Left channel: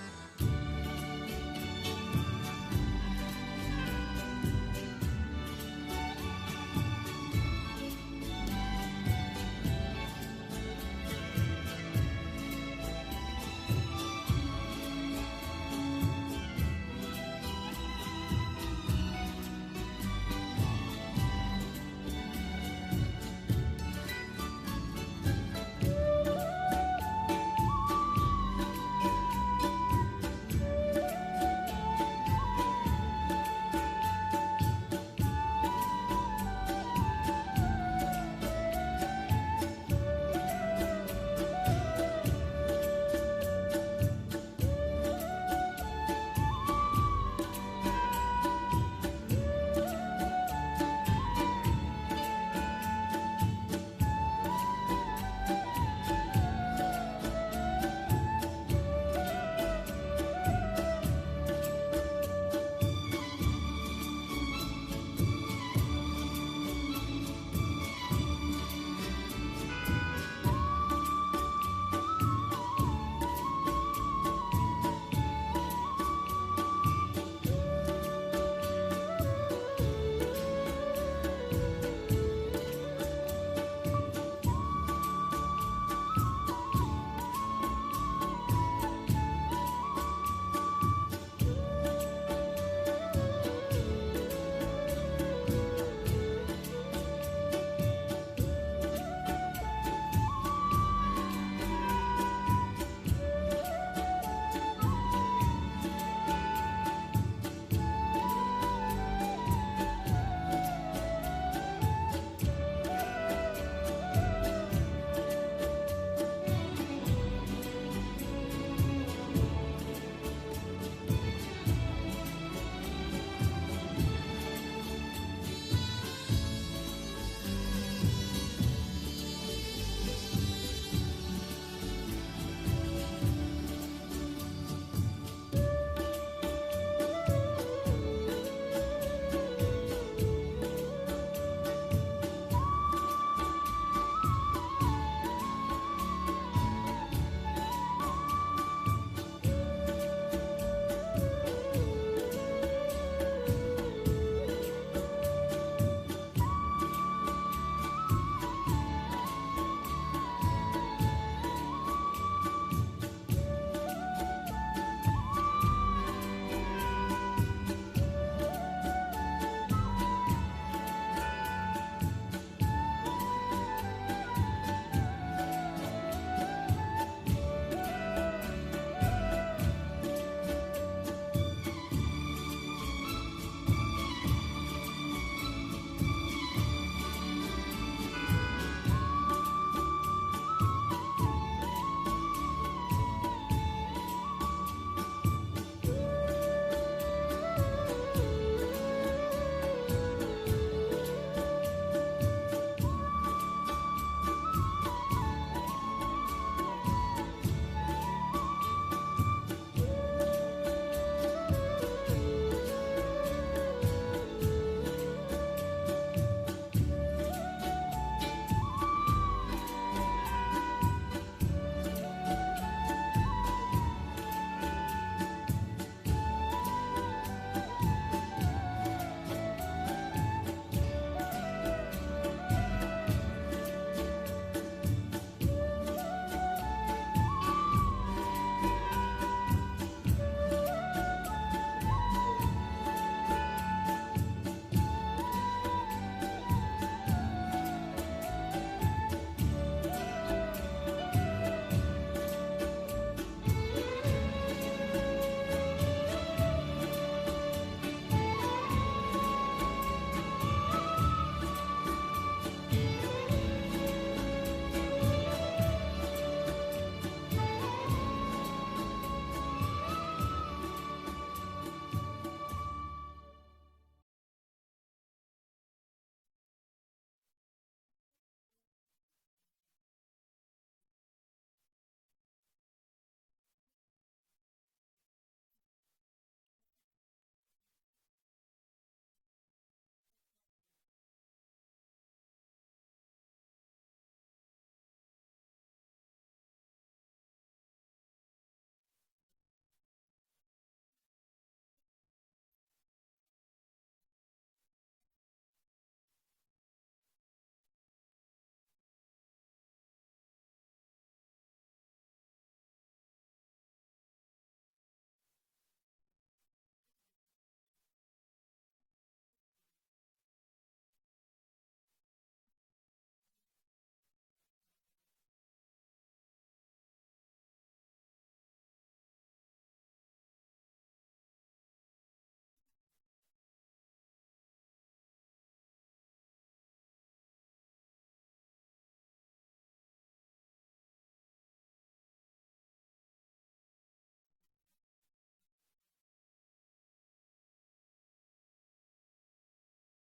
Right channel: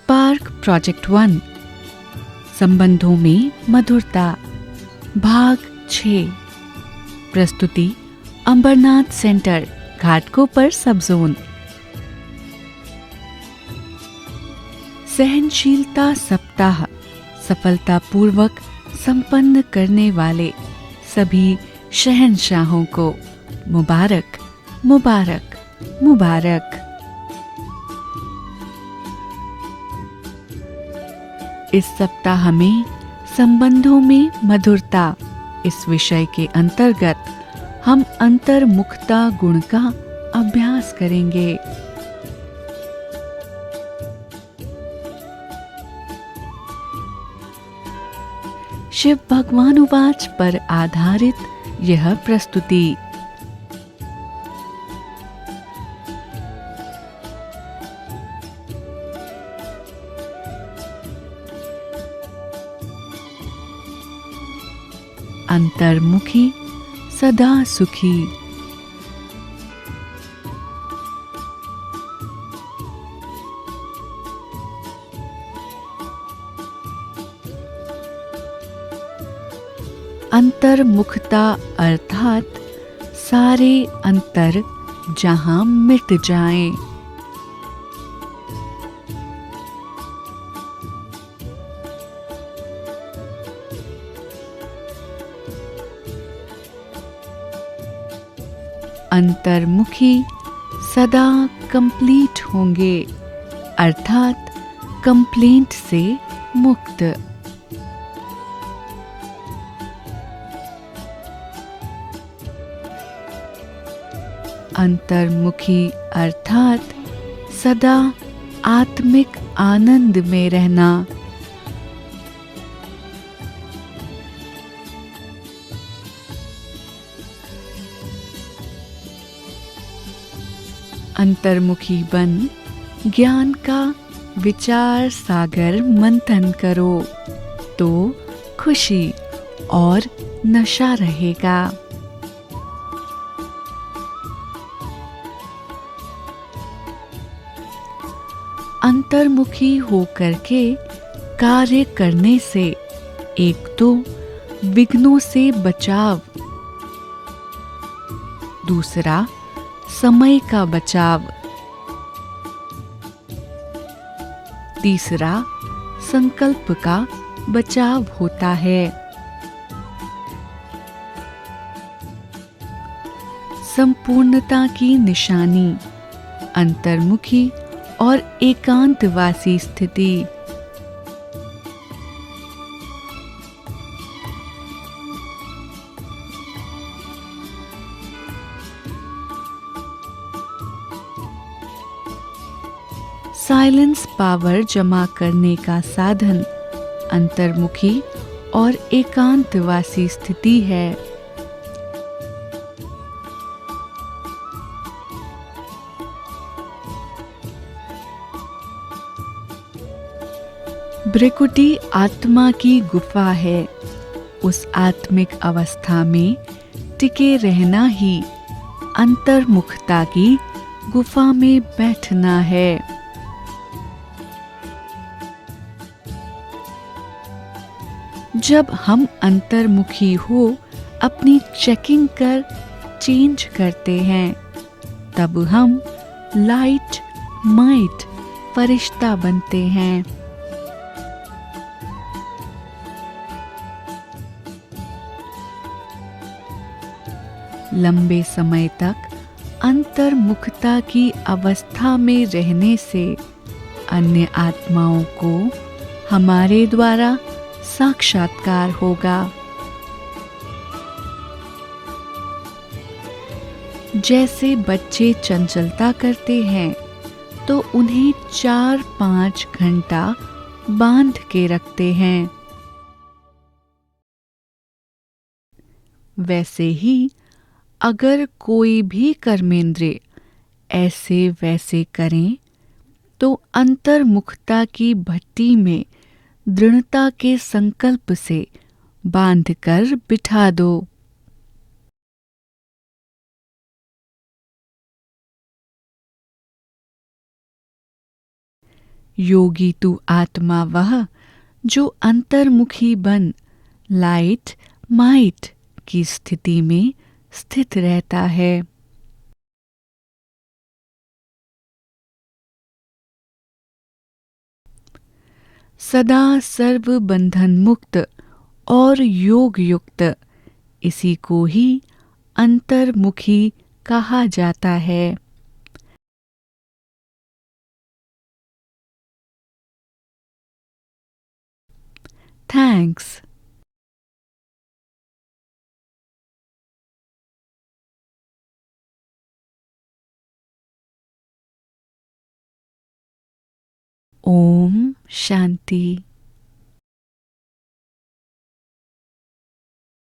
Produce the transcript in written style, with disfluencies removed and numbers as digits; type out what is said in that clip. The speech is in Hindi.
स्पार्क प्रोजेक्ट 1 संबंधों में मधुरता भाग 6 प्रस्तुति अंबरनाथ सेंटर घाटकोपर सब जोन। सहनशीलता सप्ताह सफलतापूर्वक संपन्न करने वाले सभी शहंशाहों को मुबारक मुबारक मुबारक। इस सप्ताह में संबंधों में मधुरता इस विषय के अंतर्गत हम अंतर्मुखता गुण का अभ्यास करेंगे। शिव भगवानुवाच पर आधारित यह प्रस्तुति। अंतर्मुखी सदा सुखी। अंतर्मुखता अर्थात सारे अंतर जहां मिट जाएं। अंतर्मुखी सदा कंप्लीट होंगे अर्थात कंप्लेंट से मुक्त। अंतर्मुखी अर्थात सदा आत्मिक आनंद में रहना। अंतर्मुखी बन ज्ञान का विचार सागर मंथन करो तो खुशी और नशा रहेगा। अंतर्मुखी होकर के कार्य करने से एक तो विघ्नों से बचाव, दूसरा समय का बचाव, तीसरा संकल्प का बचाव होता है। संपूर्णता की निशानी अंतर्मुखी और एकांतवासी स्थिति। साइलेंस पावर जमा करने का साधन अंतर्मुखी और एकांतवासी स्थिति है। भृकुटी आत्मा की गुफा है। उस आत्मिक अवस्था में टिके रहना ही अंतर्मुखता की गुफा में बैठना है। जब हम अंतर्मुखी हो अपनी चेकिंग कर चेंज करते हैं तब हम लाइट माइट फरिश्ता बनते हैं। लंबे समय तक अंतर्मुखता की अवस्था में रहने से अन्य आत्माओं को हमारे द्वारा साक्षात्कार होगा। जैसे बच्चे चंचलता करते हैं तो उन्हें 4-5 घंटा बांध के रखते हैं, वैसे ही अगर कोई भी कर्मेंद्रिय ऐसे वैसे करें तो अंतर्मुखता की भट्टी में दृढ़ता के संकल्प से बांधकर बिठा दो। योगी तू आत्मा वह जो अंतर्मुखी बन लाइट माइट की स्थिति में स्थित रहता है। सदा सर्व बंधन मुक्त और योग युक्त इसी को ही अंतर्मुखी कहा जाता है। थैंक्स। ओम शांति।